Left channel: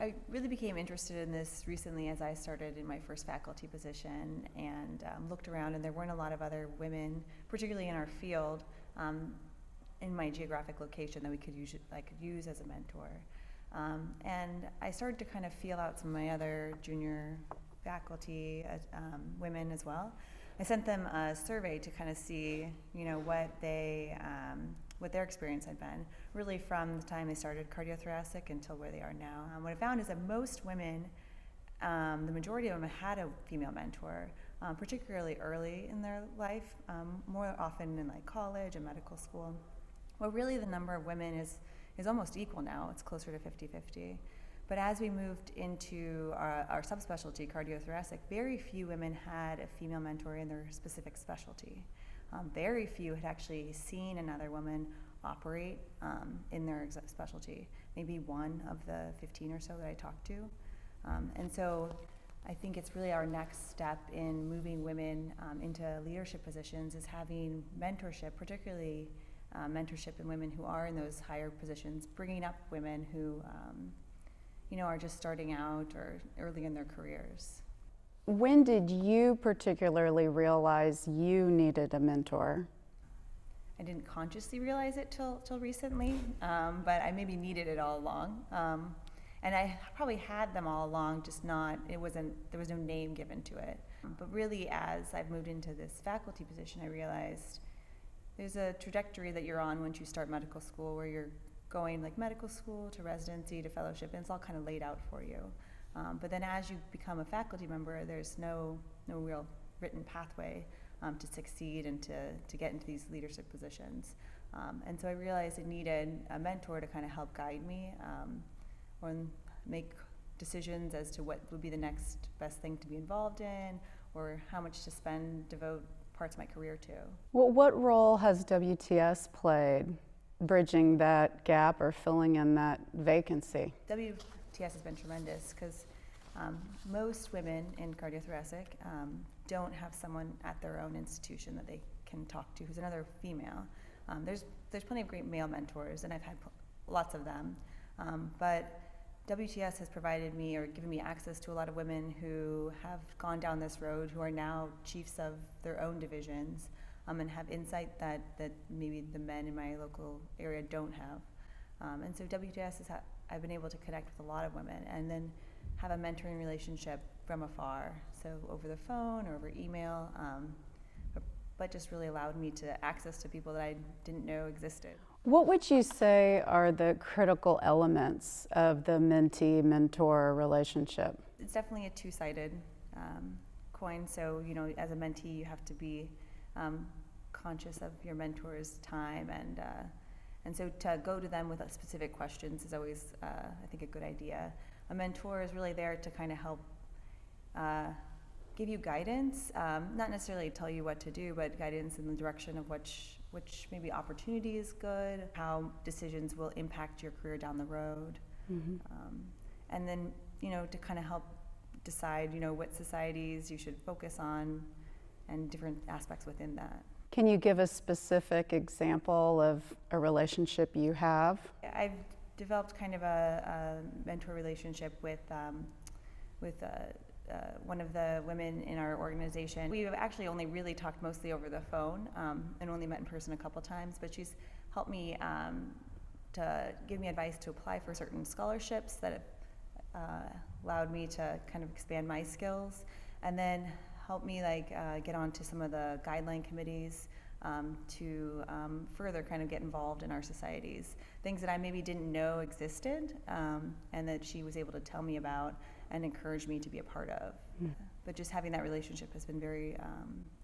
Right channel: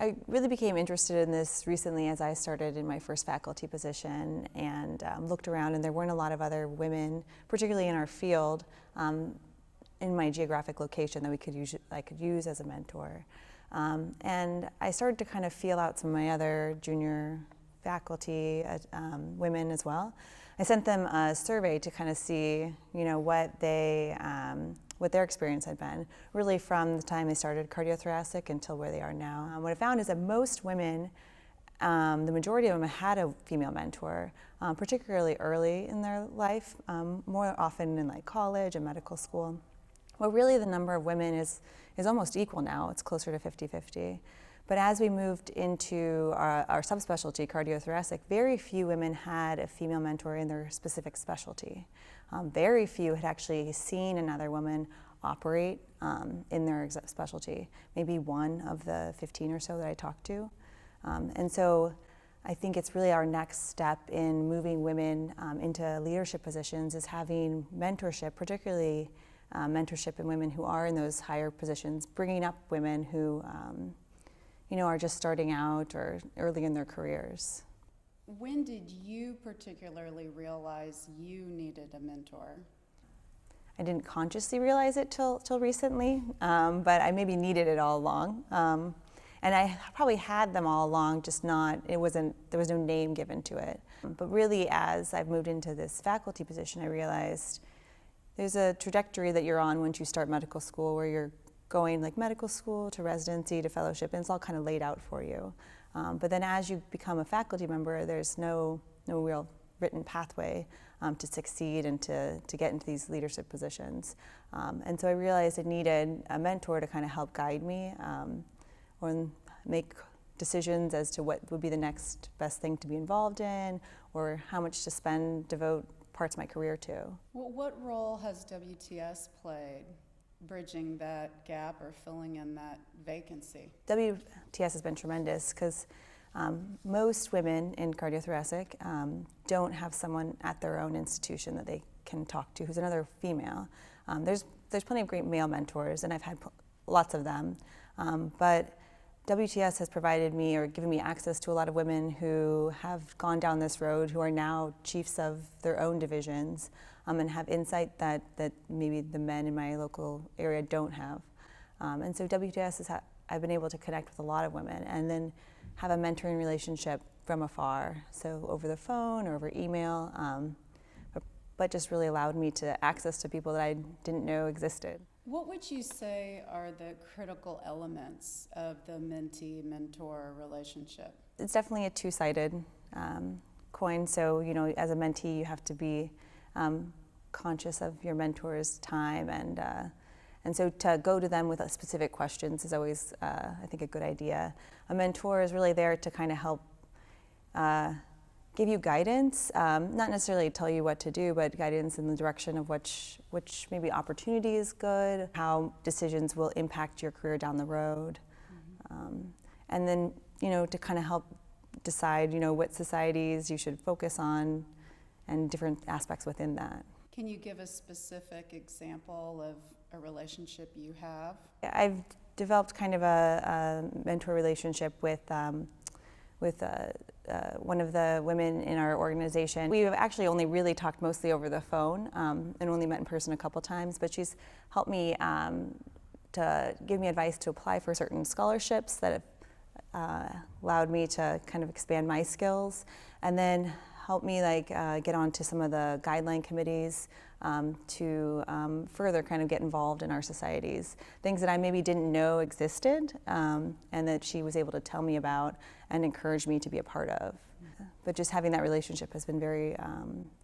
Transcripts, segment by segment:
I really became interested in this recently as I started in my first faculty position and looked around, and there weren't a lot of other women, particularly in our field, in my geographic location that I could use as a mentor. And I started to kind of feel out some of my other junior faculty, women as well. I sent them a survey to kind of see, what their experience had been, really from the time they started cardiothoracic until where they are now. What I found is that most women, the majority of them had a female mentor, particularly early in their life, more often in like college and medical school. Well, really the number of women is almost equal now. It's closer to 50-50. But as we moved into our subspecialty, cardiothoracic, very few women had a female mentor in their specific specialty. Very few had actually seen another woman operate in their specialty, maybe one of the 15 or so that I talked to. And so I think it's really our next step in moving women into leadership positions is having mentorship, particularly mentorship in women who are in those higher positions, bringing up women who are just starting out or early in their careers. When did you particularly realize you needed a mentor? I didn't consciously realize it till recently, but I maybe needed it all along. And I probably had them all along, just there was no name given to it. But really, as I've moved into this faculty position, I realized there's a trajectory that you're on once you start medical school where you're going like medical school to residency to fellowship, and it's all kind of laid out for you. But then as you become a faculty member, there's no real written pathway to succeed and to get into these leadership positions. And so I realized I needed a mentor to kind of help guide me or make decisions as to what would be the next best thing to be involved in or how much to devote parts of my career to. Well, what role has WTS played bridging that gap or filling in that vacancy? WTS has been tremendous because most women in cardiothoracic don't have someone at their own institution that they can talk to who's another female. There's plenty of great male mentors, and I've had lots of them, but WTS has provided me or given me access to a lot of women who have gone down this road, who are now chiefs of their own divisions, and have insight that maybe the men in my local area don't have. And so WTS I've been able to connect with a lot of women and then have a mentoring relationship from afar, so over the phone or over email, but just really allowed me to access to people that I didn't know existed. What would you say are the critical elements of the mentee-mentor relationship? It's definitely a two-sided coin, so as a mentee you have to be conscious of your mentor's time, and so to go to them with specific questions is always, I think, a good idea. A mentor is really there to kind of help give you guidance, not necessarily tell you what to do, but guidance in the direction of which maybe opportunity is good, how decisions will impact your career down the road, and then to kind of help decide what societies you should focus on and different aspects within that. Can you give a specific example of a relationship you have? I've developed kind of a mentor relationship with one of the women in our organization. We've actually only really talked mostly over the phone and only met in person a couple times, but she's helped me to give me advice to apply for certain scholarships that have allowed me to kind of expand my skills, and then help me get onto some of the guideline committees to further kind of get involved in our societies. Things that I maybe didn't know existed and that she was able to tell me about and encourage me to be a part of. But just having that relationship has been very,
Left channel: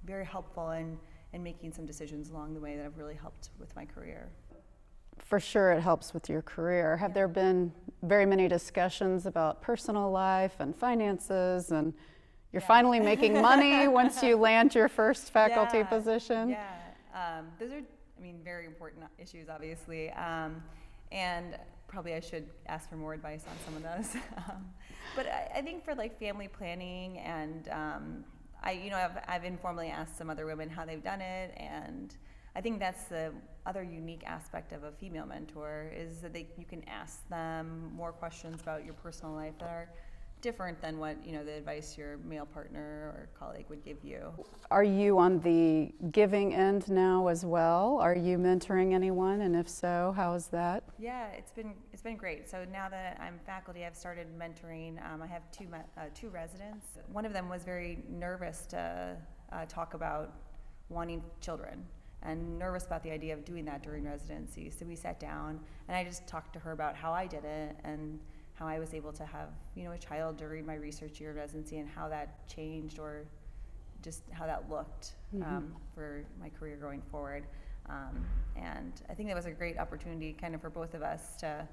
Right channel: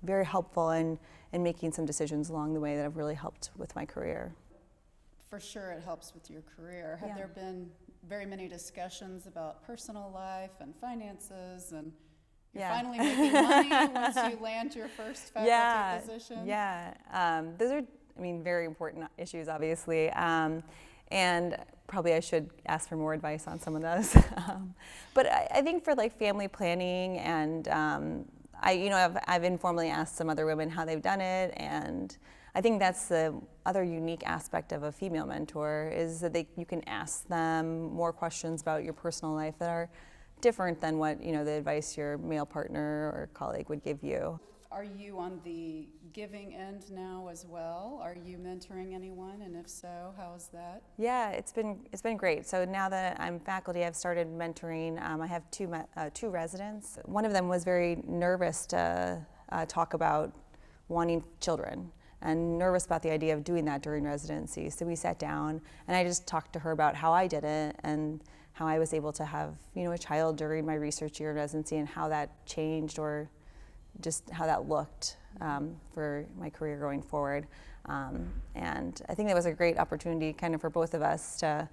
very helpful in making some decisions along the way that have really helped with my career. For sure it helps with your career. Have there been very many discussions about personal life and finances, and you're finally making money once you land your first faculty position? Yeah, those are, very important issues, obviously, and probably I should ask for more advice on some of those. But I think for family planning, and I've informally asked some other women how they've done it, and I think that's the other unique aspect of a female mentor is that you can ask them more questions about your personal life that are different than what the advice your male partner or colleague would give you. Are you on the giving end now as well? Are you mentoring anyone, and if so, how is that? Yeah, it's been great. So now that I'm faculty, I've started mentoring. I have two residents. One of them was very nervous to talk about wanting children and nervous about the idea of doing that during residency. So we sat down and I just talked to her about how I did it and how I was able to have a child during my research year in residency and how that changed or just how that looked for my career going forward. And I think that was a great opportunity kind of for both of us to,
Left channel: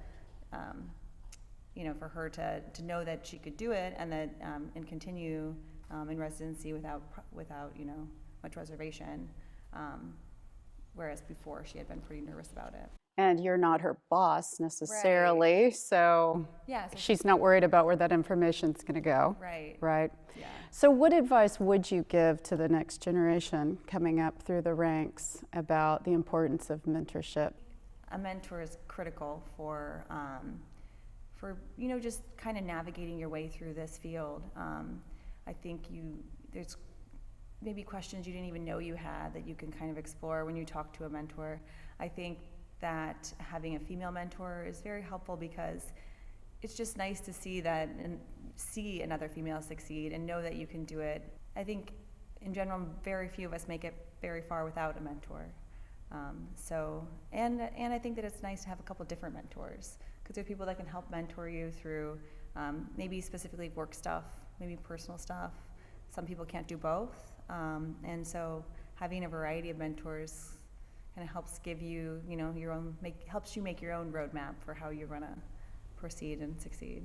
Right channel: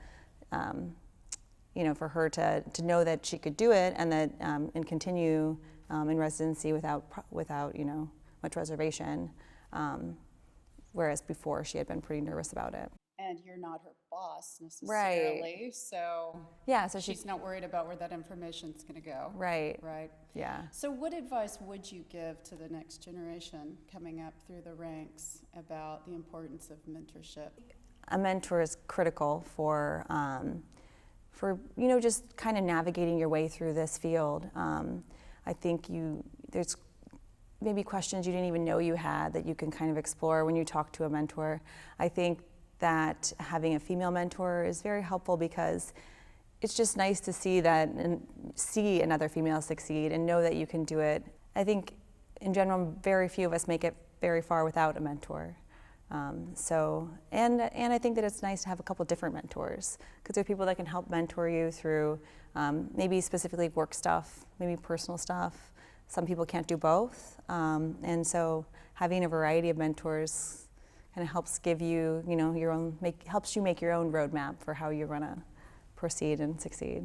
for her to know that she could do it and that and continue in residency without much reservation. Whereas before she had been pretty nervous about it. And you're not her boss necessarily, right. so she's not worried about where that information's going to go. Right. Right. Yeah. So what advice would you give to the next generation coming up through the ranks about the importance of mentorship? A mentor is critical for just kind of navigating your way through this field. I think there's maybe questions you didn't even know you had that you can kind of explore when you talk to a mentor. I think that having a female mentor is very helpful because it's just nice to see that and see another female succeed and know that you can do it. I think in general, very few of us make it very far without a mentor. And I think that it's nice to have a couple different mentors because there are people that can help mentor you through maybe specifically work stuff, maybe personal stuff. Some people can't do both, and so having a variety of mentors kind of helps give you, helps you make your own roadmap for how you're going to proceed and succeed.